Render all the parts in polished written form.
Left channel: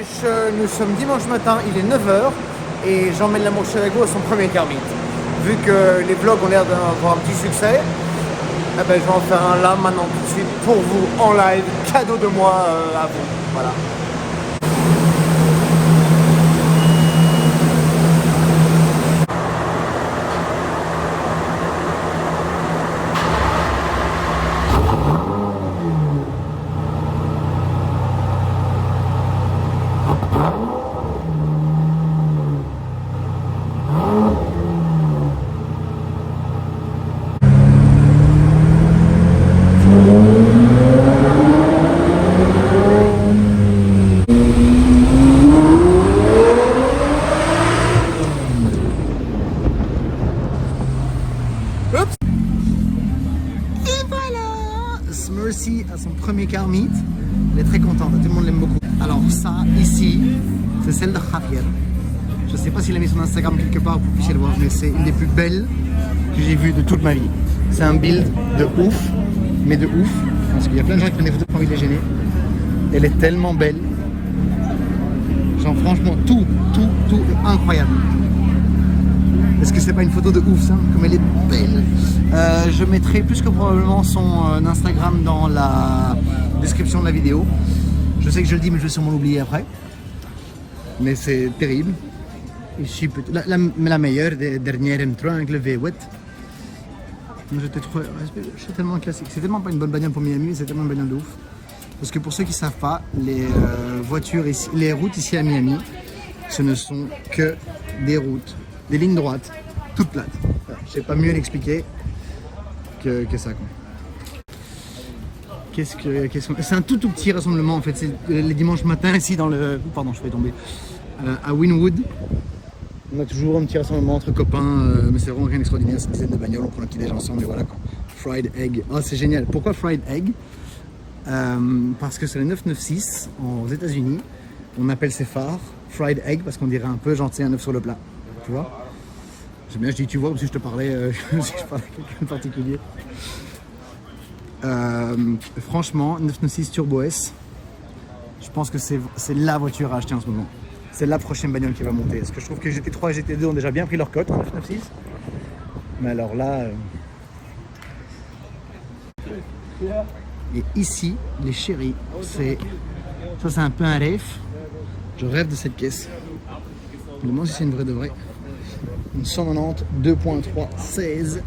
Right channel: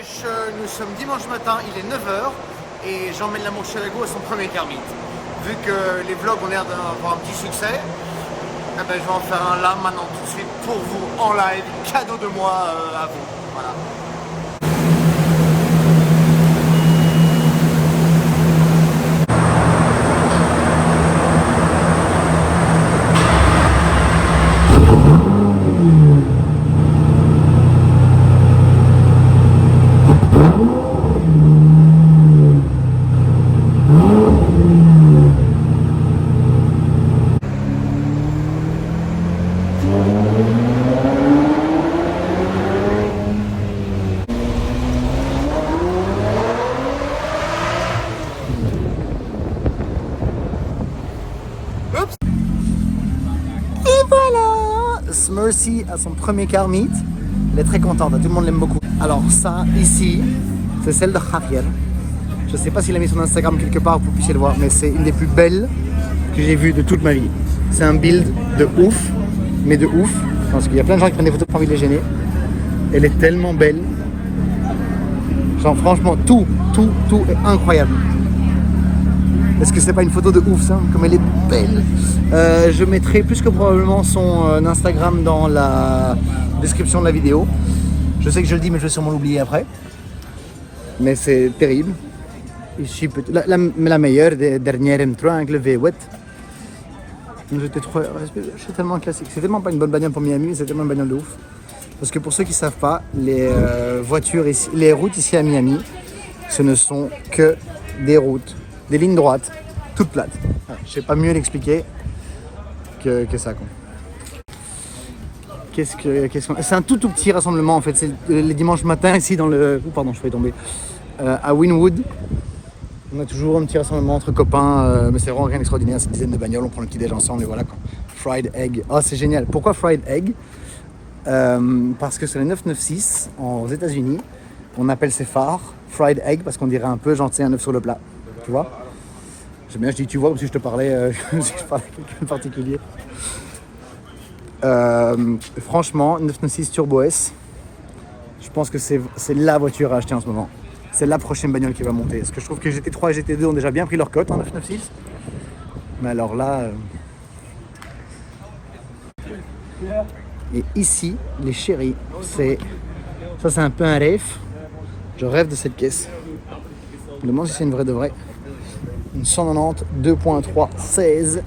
nous sommes dimanche matin, il est 9h et j'emmène la Murcielago à son premier Kermit. Vu que les vlogs ont l'air d'avoir un petit succès, eh ben, je vais en faire un là maintenant tout de suite pour vous en live, cadeau de moi à vous. Voilà. Mercy à son premier Kermit, elle est très contente, tout le monde l'aime beaucoup. Alors ça ici, c'est celle de Javier. Je sais pas s'il a mis son Instagram quelque part pour que vous puissiez le voir, mais c'est une des plus belles que j'ai vues de toute ma vie. C'est un build de ouf, mais de ouf, parce qu'il y a plein de gens qui prennent des photos pour envie de les gêner. Elle est tellement belle. Genre franchement, tout est incroyable. Est-ce que c'est pas une photo de ouf ça? Comme elle est belle. Je mettrai plus que probablement son Instagram dans la description de la vidéo. Je sais que je le dis mais je vais sûrement l'oublier après. Mais c'est terrible. Ici, la meilleure des dernières M3 avec le V8. C'est tellement classique. C'est tellement pas une bonne bagnole pour Miami, mais c'est tellement une bagnole de ouf. Parce que pour ceux qui ne savent pas, les voitures ici, les routes ici à Miami, ce ne sont que des routes. Des lignes droites, toutes plates. Je sais pas mieux l'expliquer que ça. C'est un tout petit rassemblement en fait. C'est les dimanches matins ici dans le. Oh, pardon, je vais tomber. À Wynwood. On a toujours un petit rassemblement entre copains, mais c'est vraiment rien d'extraordinaire. C'est une dizaine de bagnoles, on prend le petit déj ensemble et voilà quoi. Fried egg. Oh, c'est génial. Pourquoi fried egg? Parce que c'est le 996 aux États-Unis. On appelle ces phares fried egg parce qu'on dirait un peu genre un œuf sur le plat. Tu vois? J'aime bien, je dis tu vois, comme si je te parlais, si je parlais à quelqu'un de particulier. Franchement, 996 Turbo S, je pense que c'est la voiture à acheter en ce moment. C'est la prochaine bagnole qui va monter. Parce que je trouve que GT3 et GT2 ont déjà bien pris leur cote en 996. Mais alors là... Et ici, les chéris, ça c'est un peu un rêve. Je rêve de cette caisse. Je me demande si c'est une vraie de vraie. Une 190 2.3 16.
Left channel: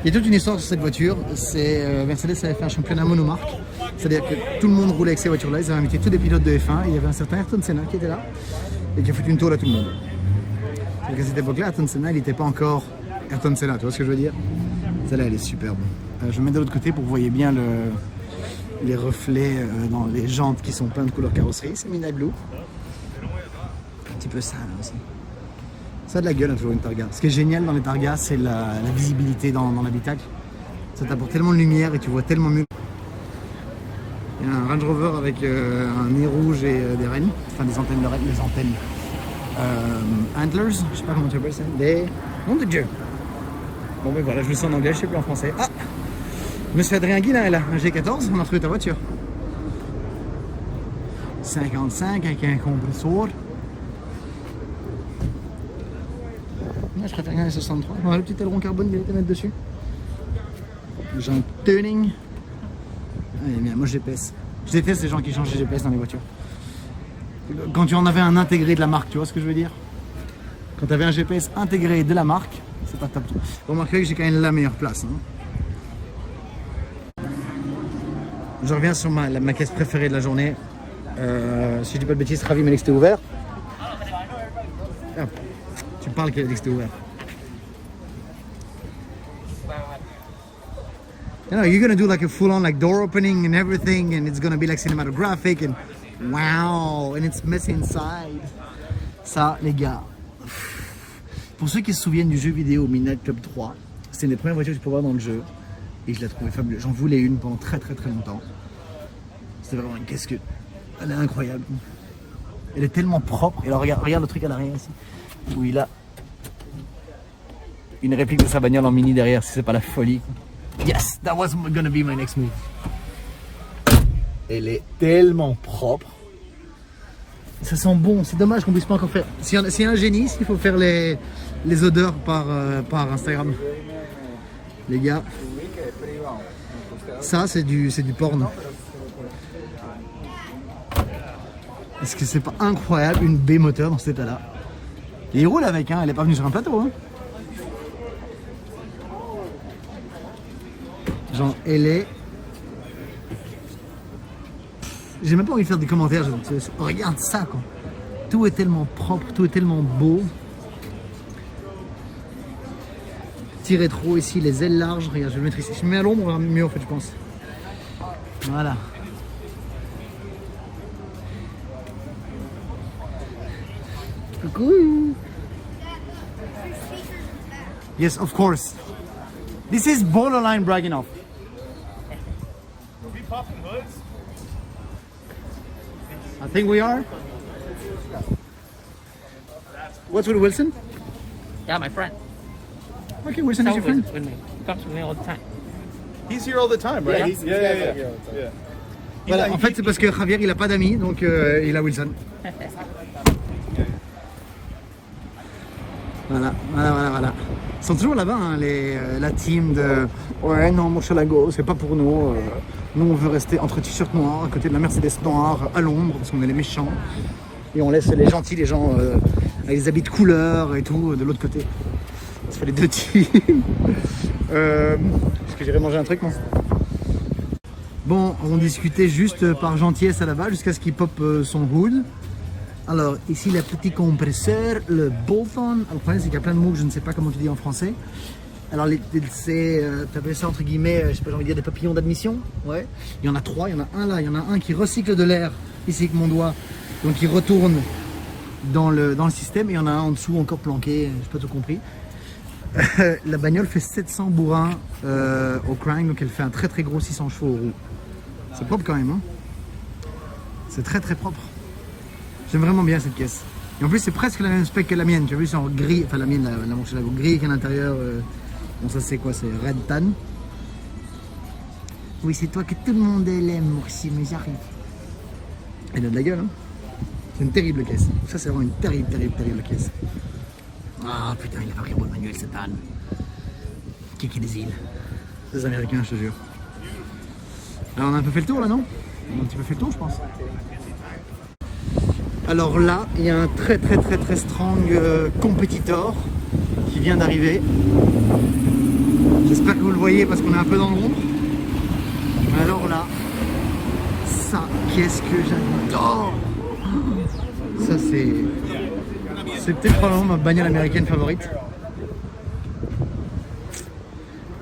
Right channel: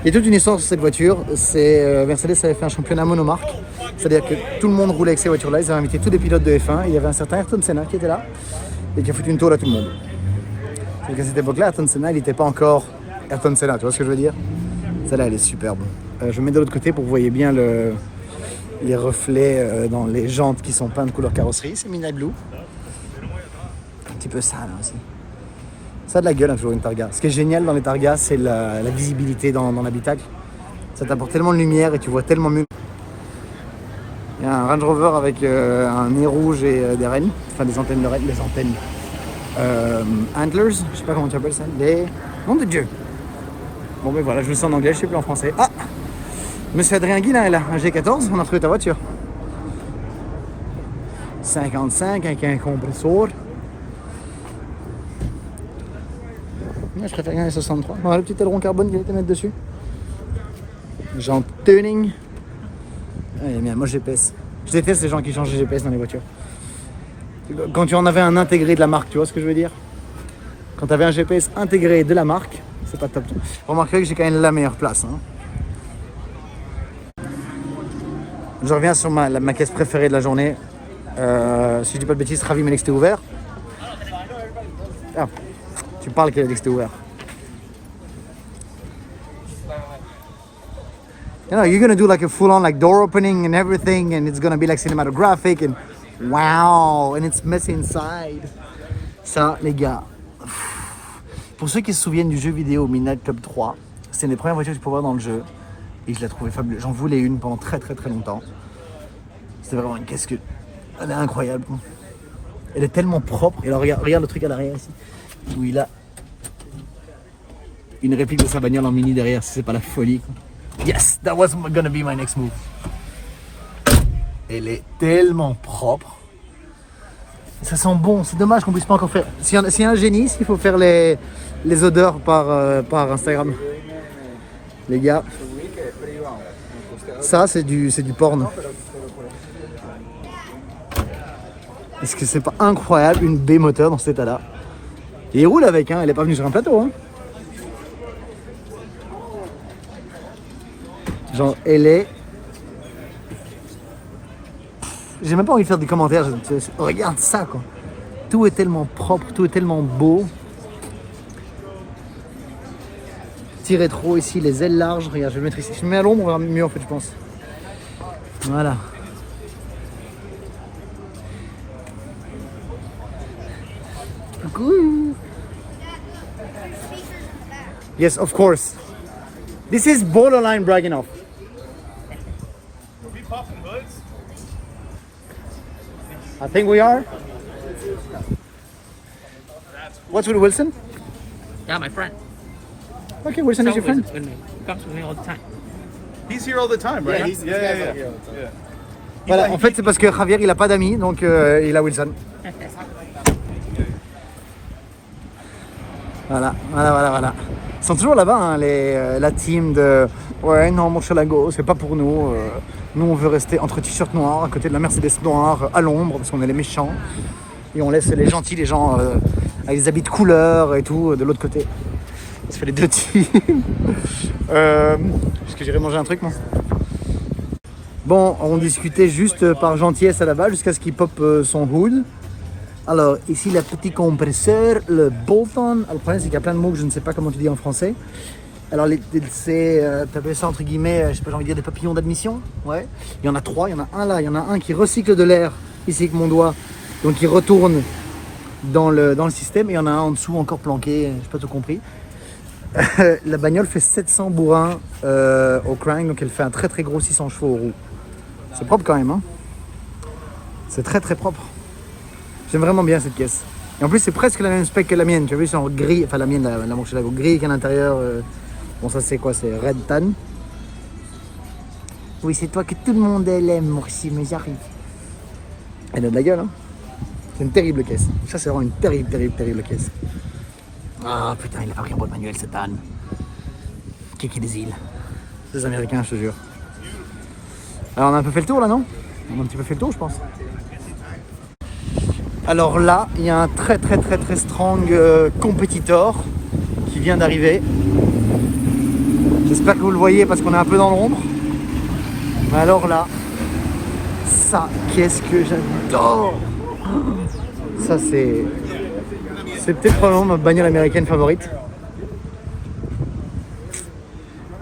Il y a toute une histoire sur cette voiture. Mercedes avait fait un championnat monomarque. C'est-à-dire que tout le monde roulait avec ces voitures-là. Ils avaient invité tous les pilotes de F1. Il y avait un certain Ayrton Senna qui était là et qui a foutu une tour à tout le monde. Donc à cette époque-là, Ayrton Senna, il n'était pas encore Ayrton Senna. Tu vois ce que je veux dire? Celle-là, elle est superbe. Je mets de l'autre côté pour que vous voyez bien les reflets dans les jantes qui sont peintes couleur carrosserie. C'est Midnight Blue. Un petit peu ça là aussi. Ça a de la gueule, hein, toujours une Targa. Ce qui est génial dans les Targas, c'est la visibilité dans l'habitacle. Ça t'apporte tellement de lumière et tu vois tellement mieux. Il y a un Range Rover avec un nez rouge et des rênes, enfin des antennes de rênes, les antennes antlers, je sais pas comment tu appelles ça, des... Nom de Dieu. Bon ben voilà, je le sens en anglais, je sais plus en français. Ah, Monsieur Adrien Guy là, un G14, on a retrouvé ta voiture. 55 avec un compresseur. Je préfère gagner 63. On a le petit aileron carbone qui vient mettre dessus. Genre tuning. Allez, bien, moi GPS. Je déteste ces gens qui changent de GPS dans les voitures. Quand tu en avais un intégré de la marque, tu vois ce que je veux dire? Quand tu avais un GPS intégré de la marque, c'est pas top. Vous remarquerez que j'ai quand même la meilleure place. Hein. Je reviens sur ma caisse préférée de la journée. Si je dis pas de bêtises, ravi, mais c'était ouvert. Ah. Tu parles que c'était ouvert. You know, you're gonna do like a full-on like door opening and everything, and it's gonna be like cinematographic and wow, and it's messy inside. Ça, les gars. Pour ceux qui se souviennent du jeu vidéo Midnight Club 3, c'était une des premières voitures que tu pouvais voir dans le jeu, et je la trouvais fabuleuse. J'en voulais une pendant très longtemps. C'était vraiment une caisse que, elle est incroyable. Elle est tellement propre. Et alors regarde le truc à l'arrière ici. Où il a une réplique de sa bagnole en mini derrière, si c'est pas la folie quoi. Yes, that was gonna be my next move. Elle est tellement propre. Ça sent bon, c'est dommage qu'on puisse pas encore faire. S'il y a un génie, il faut faire les odeurs par Instagram. Les gars, ça c'est du porn. Est-ce que c'est pas incroyable une B moteur dans cet état-là? Et il roule avec, hein, elle est pas venue sur un plateau. Hein. Genre, elle est. J'ai même pas envie de faire des commentaires. Regarde ça, quoi. Tout est tellement propre, tout est tellement beau. Petit rétro ici, les ailes larges. Regarde, je vais le mettre ici. Si je me mets à l'ombre, on verra mieux en fait, je pense. Voilà. Coucou. Yes, of course. This is borderline bragging off. I think we are. What's with Wilson? Yeah, my friend. Okay, Wilson is your friend. With me. He comes with me all the time. He's here all the time, right? Yeah. Voilà, en fait c'est parce que Javier il a pas d'amis, donc il a Wilson. Voilà. Ils sont toujours là-bas, hein, la team de ouais non Murcielago, c'est pas pour nous. Nous on veut rester entre t-shirts noirs, à côté de la Mercedes noire, à l'ombre, parce qu'on est les méchants. Et on laisse les gentils, les gens avec des habits de couleur et tout, de l'autre côté. Ça fait les deux teams. Est-ce que j'irai manger un truc moi? Bon, on discutait juste par gentillesse à la base jusqu'à ce qu'il pop son hood. Alors, ici, le petit compresseur, le bolt-on. Le problème, c'est qu'il y a plein de mots que je ne sais pas comment tu dis en français. Alors, c'est, tu appelles ça entre guillemets, je sais pas, j'ai envie de dire des papillons d'admission. Ouais. Il y en a trois, il y en a un là, il y en a un qui recycle de l'air, ici avec mon doigt, donc il retourne dans le système. Et il y en a un en dessous encore planqué, j'ai pas tout compris. La bagnole fait 700 bourrins au crank, donc elle fait un très très gros 600 chevaux aux roues. C'est propre quand même, hein. C'est très très propre. J'aime vraiment bien cette caisse. Et en plus, c'est presque la même spec que la mienne. Tu as vu, c'est en gris. Enfin, la mienne, la Murcielago gris qu'à l'intérieur. Bon, ça, c'est quoi? C'est Red Tan. Oui, c'est toi que tout le monde aime, Murci, mais j'arrive. Elle a de la gueule, hein. C'est une terrible caisse. Ça, c'est vraiment une terrible caisse. Ah, putain, il a pas pris un bon manuel, cet âne. Kiki des îles. Des Américains, je te jure. Alors, on a un peu fait le tour, là, non? On a un petit peu fait le tour, je pense. Alors là, il y a un très strong compétiteur qui vient d'arriver. J'espère que vous le voyez parce qu'on est un peu dans l'ombre. Mais alors là, ça, qu'est-ce que j'adore! Ça, c'est peut-être probablement ma bagnole américaine favorite.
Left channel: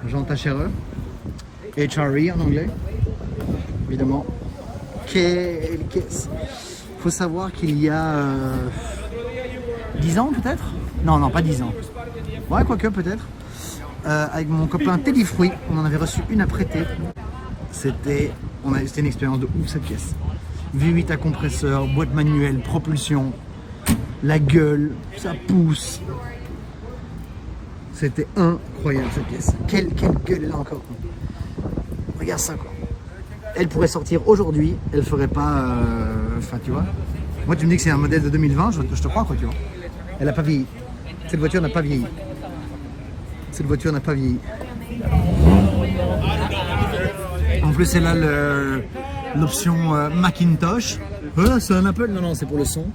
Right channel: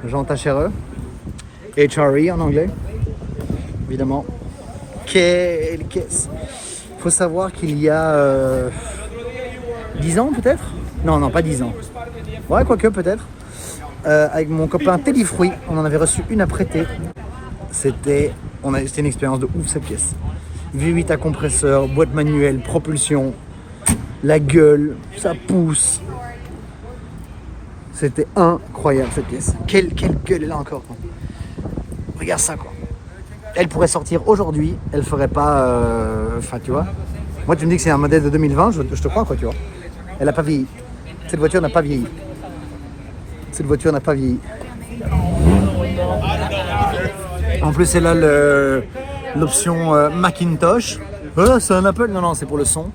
Jean Tachereux. HRE en anglais. Évidemment. Quelle caisse! Il faut savoir qu'il y a 10 ans peut-être. Non, pas 10 ans. Ouais, quoique peut-être. Avec mon copain Teddy Fruit, on en avait reçu une à prêter. C'était une expérience de ouf cette caisse. V8 à compresseur, boîte manuelle, propulsion, la gueule, ça pousse. C'était incroyable cette pièce. Quelle gueule elle a encore. Regarde ça quoi. Elle pourrait sortir aujourd'hui, elle ferait pas... Enfin tu vois. Moi tu me dis que c'est un modèle de 2020, je te crois quoi tu vois. Elle n'a pas vieilli. Cette voiture n'a pas vieilli. Cette voiture n'a pas vieilli. En plus elle a l'option Macintosh. C'est un Apple? Non, c'est pour le son.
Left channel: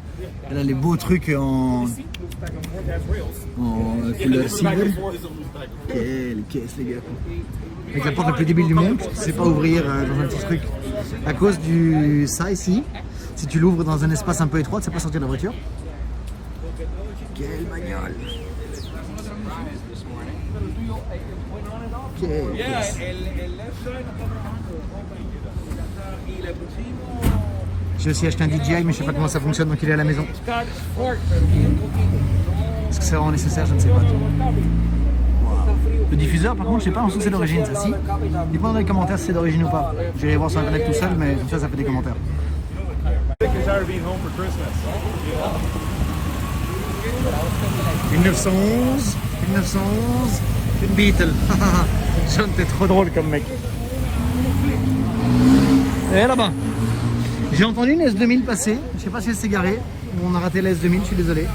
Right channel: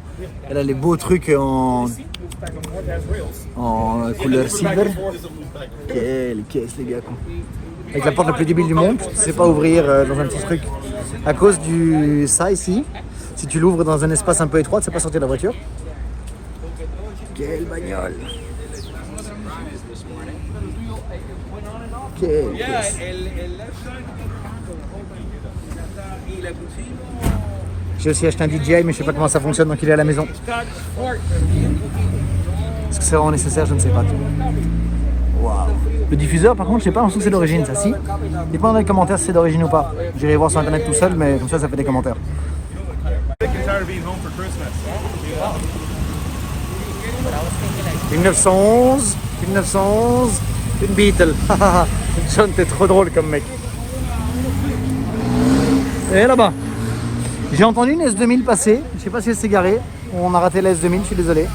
Elle a les beaux trucs en couleur silver. Quelle caisse les gars quoi. Avec la porte la plus débile du monde, tu ne sais pas ouvrir dans un petit truc. À cause du ça ici, si tu l'ouvres dans un espace un peu étroit, tu ne sais pas sortir de la voiture. Quelle bagnole! Quelle caisse. J'ai aussi acheté un DJI, mais je ne sais pas comment ça fonctionne, donc il est à la maison. Est-ce que c'est vraiment nécessaire? Je ne sais pas. Wow. Le diffuseur, par contre, je sais pas, en dessous c'est d'origine, ça si. Dites-moi dans les commentaires si c'est d'origine ou pas. J'irai voir sur internet tout seul, mais comme ça fait des commentaires. « 1911, une Beetle. » John, t'es trop drôle comme mec. Et là-bas. J'ai entendu une S2000 passer, je sais pas si elle s'est garée. On a raté la S2000, je suis désolé.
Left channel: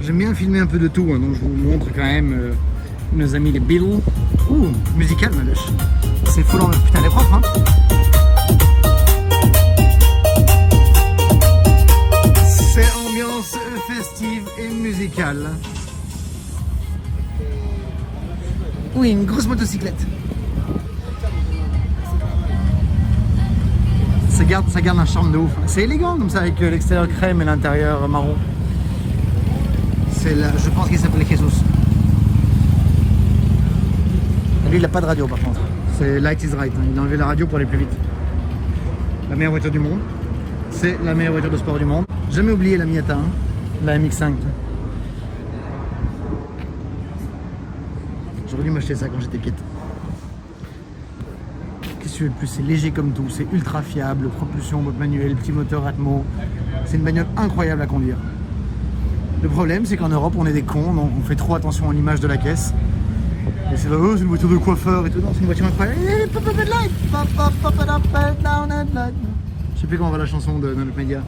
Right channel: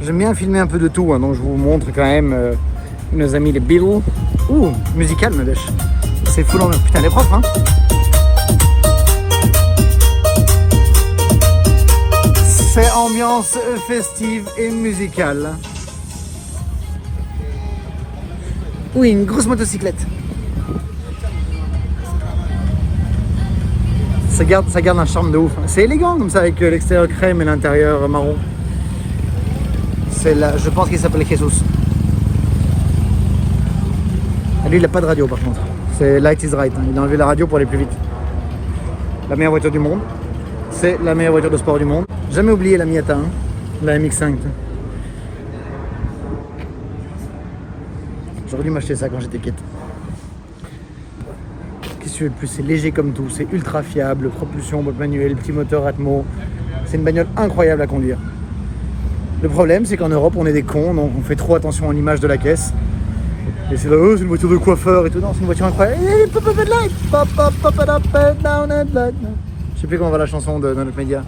J'aime bien filmer un peu de tout, hein, donc je vous montre quand même nos amis les Beatles. Ouh, musical, ma bêche. C'est fou, putain, elle est propre, hein. C'est ambiance festive et musicale. Oui, une grosse motocyclette. Ça garde un charme de ouf. C'est élégant comme ça avec l'extérieur crème et l'intérieur marron. C'est là, je pense qu'il s'appelle Jesus. Lui, il n'a pas de radio par contre. C'est Light is Right. Il a enlevé la radio pour aller plus vite. La meilleure voiture du monde. C'est la meilleure voiture de sport du monde. Jamais oublié la Miata, hein, la MX-5. J'aurais dû m'acheter ça quand j'étais quête. Qu'est-ce que tu veux de plus? C'est léger comme tout, c'est ultra fiable, propulsion, boîte manuelle, petit moteur Atmo. C'est une bagnole incroyable à conduire. Le problème, c'est qu'en Europe, on est des cons, donc on fait trop attention à l'image de la caisse. Et c'est là, oh, c'est une voiture de coiffeur et tout. Non, c'est une voiture incroyable. Je sais plus comment va la chanson de notre média.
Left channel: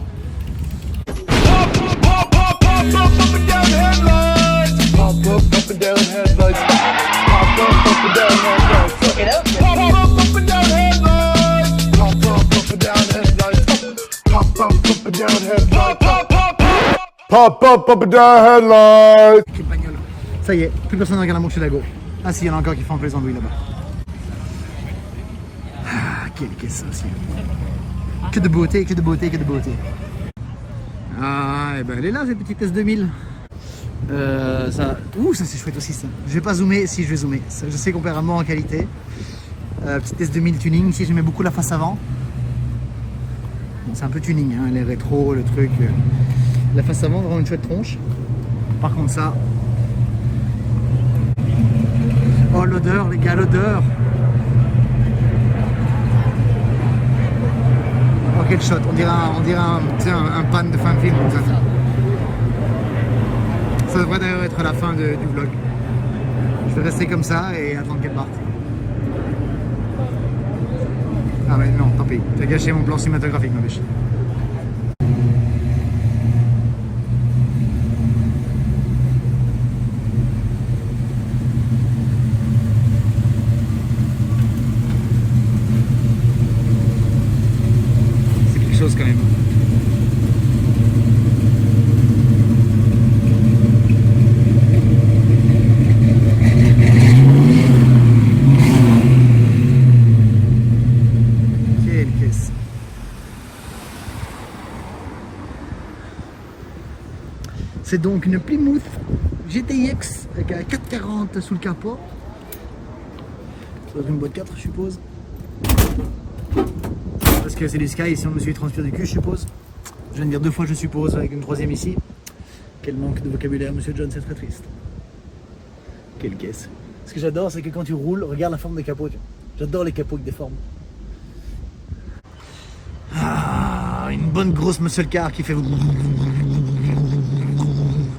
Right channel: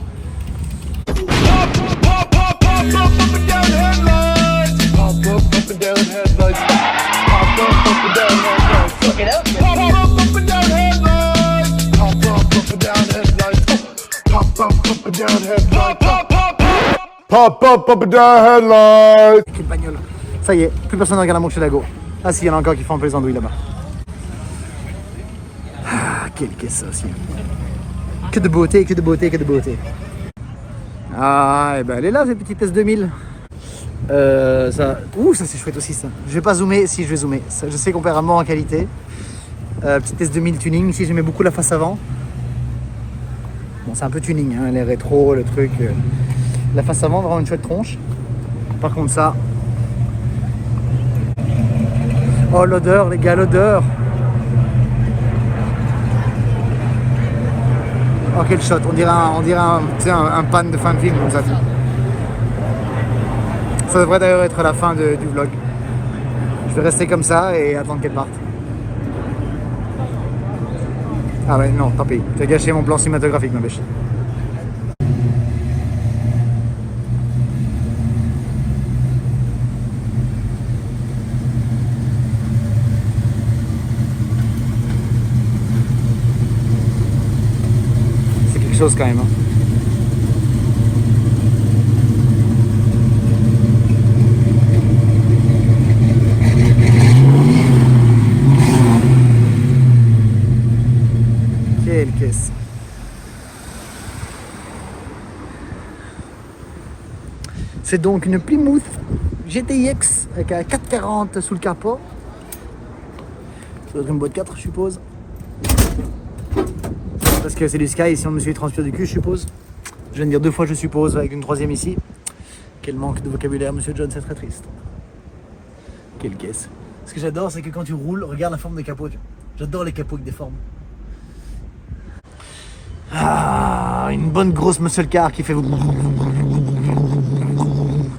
Pop up and down headlights. Quelle bagnole. Ça y est, plus personne ne regarde la Murcielago. Ah si, il y en a encore qui font un peu les andouilles là-bas. Ah, quelle caisse ça aussi. Que de beauté, que de beauté, que de beauté. Ah, et ben elle est là, cette petite S2000. Ça... Ouh, ça c'est chouette aussi ça. Je vais pas zoomer, si je vais zoomer. Ça, je sais qu'on perd un mort en qualité. Petite S2000 tuning, ici j'aimais beaucoup la face avant. Bon, c'est un peu tuning, hein, les rétro, le truc. La face avant, vraiment une chouette tronche. Par contre ça... Oh l'odeur les gars, l'odeur. Oh quel shot, on dirait un pan de fin de film comme ça. Ça devrait d'ailleurs être la fin du vlog. Je vais rester comme ça et attendre qu'elle parte. Ah ouais non, tant pis, j'ai gâché mon plan cinématographique ma bêche. Quand même. Quelle caisse. C'est donc une Plymouth GTX avec un 440 sous le capot. Ça doit être une boîte 4 je suppose. Parce que c'est du Sky, ici on me suit transpire du cul, je suppose. Je viens de dire 2 fois je suppose, avec une troisième ici. Quel manque de vocabulaire, monsieur John, c'est très triste. Quelle caisse. Ce que j'adore, c'est que quand tu roules, regarde la forme des capots. J'adore les capots avec des formes. Ah, une bonne grosse muscle car qui fait... Vous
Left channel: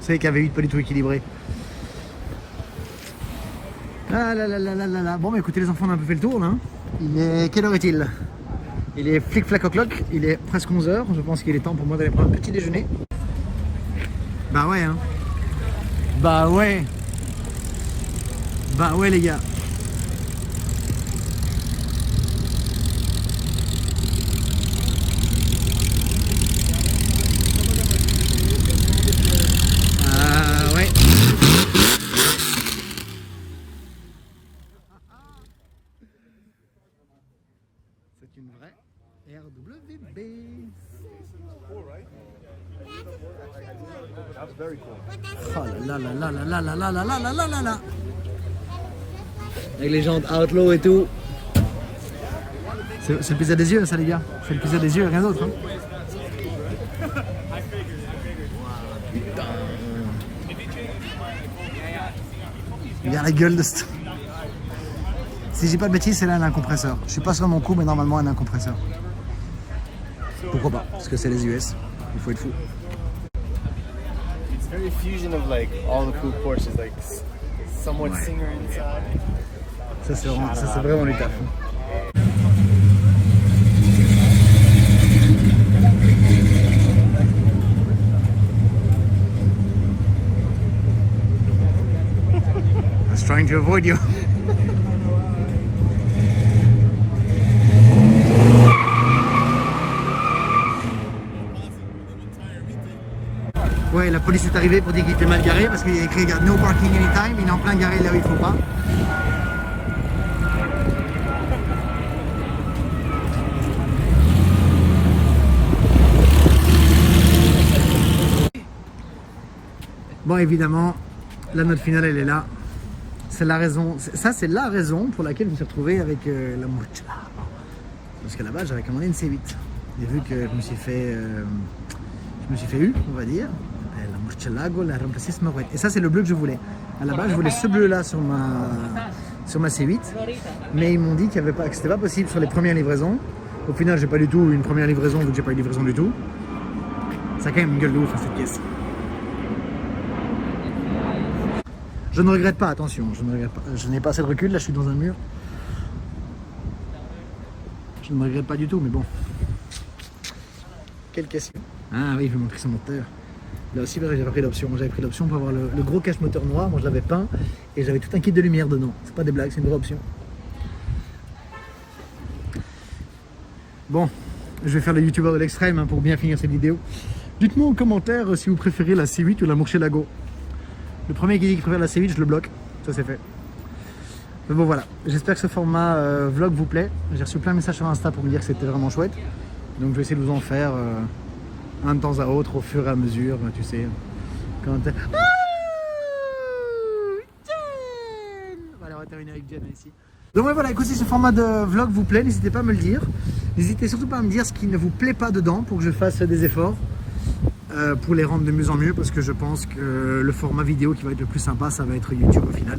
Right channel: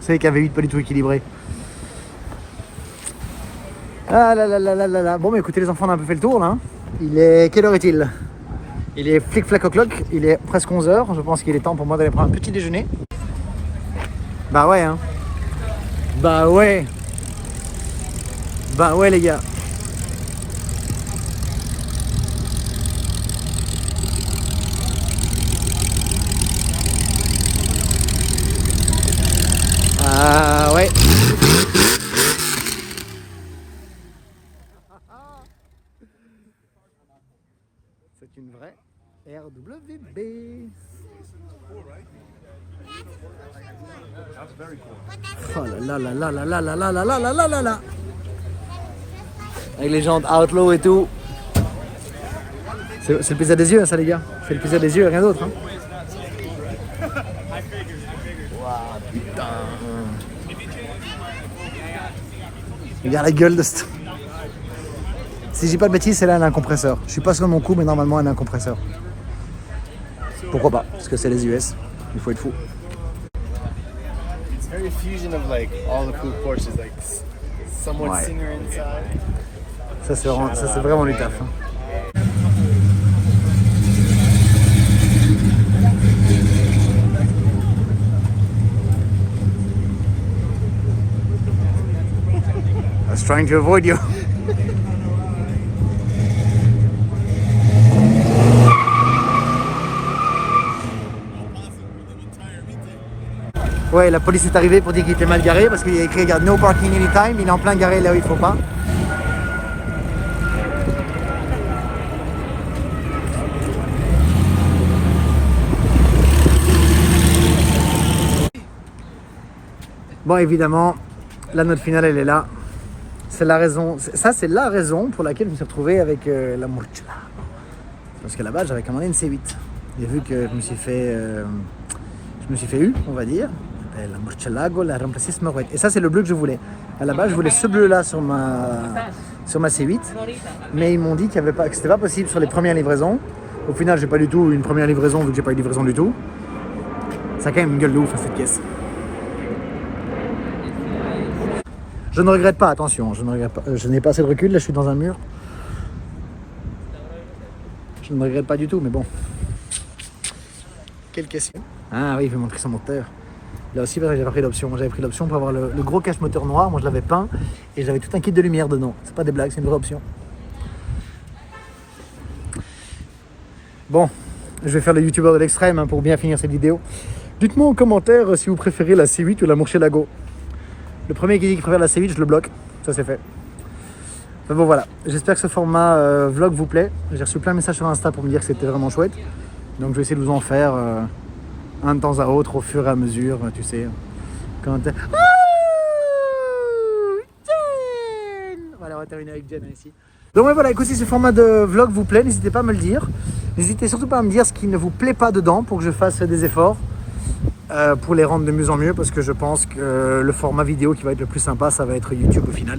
savez qu'un V8 pas du tout équilibré. Ah là là là là là là. Bon bah écoutez les enfants, on a un peu fait le tour là. Il est... Quelle heure est-il? Il est flic flac au clock, il est presque 11h, je pense qu'il est temps pour moi d'aller prendre un petit déjeuner. Bah ouais hein. Bah ouais. Bah ouais les gars. Ah ouais. C'est une vraie RWB. Oh là là là là là là là là là là là là là là. Avec les jantes Outlaw et tout. C'est le plaisir des yeux ça les gars. C'est le plaisir des yeux et rien d'autre hein. Wow, putain. Regarde la gueule de ce... Si je dis pas de bêtises, celle-là elle a un compresseur. Je suis pas sur mon coup, mais normalement elle a un compresseur. Pourquoi pas? Parce que c'est les US. Il faut être fou. It's very fusion of like all the cool Porsches, like somewhat Ouais. Singer inside. Ça c'est vraiment du taf. Hein. trying to avoid you. Ouais, la police est arrivée pour dire qu'il était mal garé parce qu'il y a écrit regarde, no parking anytime, il est en plein garé là où il faut pas. Bon, évidemment, la note finale elle est là. C'est la raison, ça c'est la raison pour laquelle je me suis retrouvé avec la Murcielago. Parce que là-bas j'avais commandé une C8. J'ai vu que je me suis fait eu, on va dire. La Murcielago, la remplacissima rouette. Et ça c'est le bleu que je voulais. À la base je voulais ce bleu là sur ma C8. Mais ils m'ont dit que c'était pas possible sur les premières livraisons. Au final j'ai pas du tout une première livraison vu que j'ai pas eu de livraison du tout. Ça a quand même une gueule de ouf cette pièce. Je ne regrette pas, attention, je ne regrette pas. Je n'ai pas assez de recul, là je suis dans un mur. Je ne regrette pas du tout, mais bon. Quelle question. Ah oui, il veut montrer son moteur. Là aussi, j'avais pris l'option. J'avais pris l'option pour avoir le gros cache-moteur noir. Moi, je l'avais peint et j'avais tout un kit de lumière dedans. C'est pas des blagues, c'est une vraie option. Bon, je vais faire le youtubeur de l'extrême pour bien finir cette vidéo. Dites-moi en commentaire si vous préférez la C8 ou la Murcielago. Le premier qui dit qu'il préfère la C8, je le bloque. Ça c'est fait. Mais bon voilà, j'espère que ce format vlog vous plaît. J'ai reçu plein de messages sur Insta pour me dire que c'était vraiment chouette. Donc je vais essayer de vous en faire un de temps à autre au fur et à mesure, tu sais. Quand voilà, on va terminer avec Jen ici. Donc ouais, voilà, écoutez, si ce format de vlog vous plaît, n'hésitez pas à me le dire. N'hésitez surtout pas à me dire ce qui ne vous plaît pas dedans pour que je fasse des efforts. Pour les rendre de mieux en mieux parce que je pense que le format vidéo qui va être le plus sympa ça va être YouTube au final.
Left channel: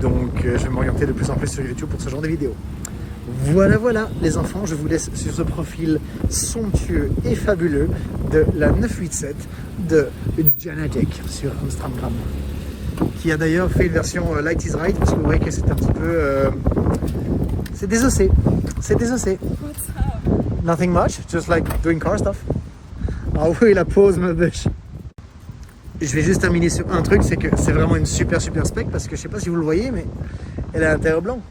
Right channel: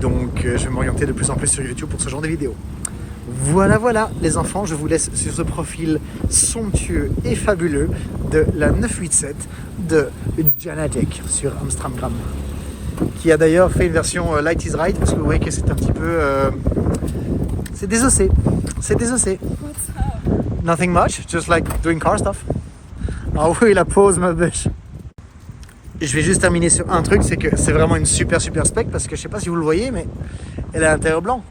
Donc je vais m'orienter de plus en plus sur YouTube pour ce genre de vidéos. Voilà les enfants, je vous laisse sur ce profil somptueux et fabuleux de la 987 de Janatic sur Amstramgram, qui a d'ailleurs fait une version Light is Right parce que vous voyez que c'est un petit peu c'est désossé. What's up? Nothing much, just like doing car stuff. Ah oui, la pause, ma biche. Je vais juste terminer sur un truc, c'est que c'est vraiment une super spec parce que je sais pas si vous le voyez, mais elle a l'intérieur blanc.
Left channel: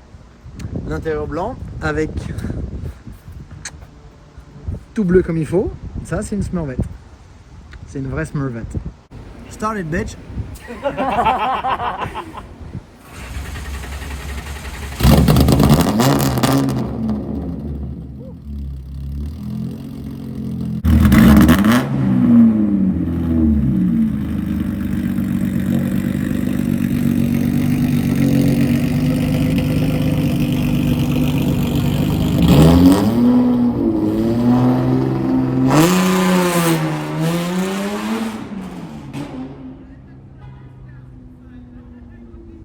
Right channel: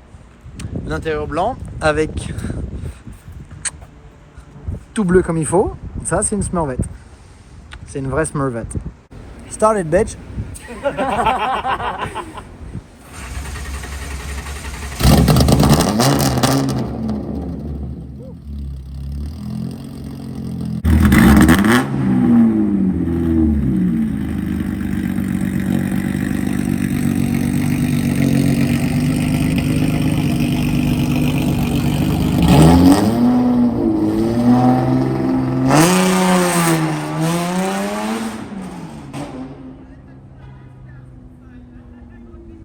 L'intérieur blanc avec tout bleu comme il faut. Ça, c'est une Smurvette. C'est une vraie Smurvette. Started, bitch.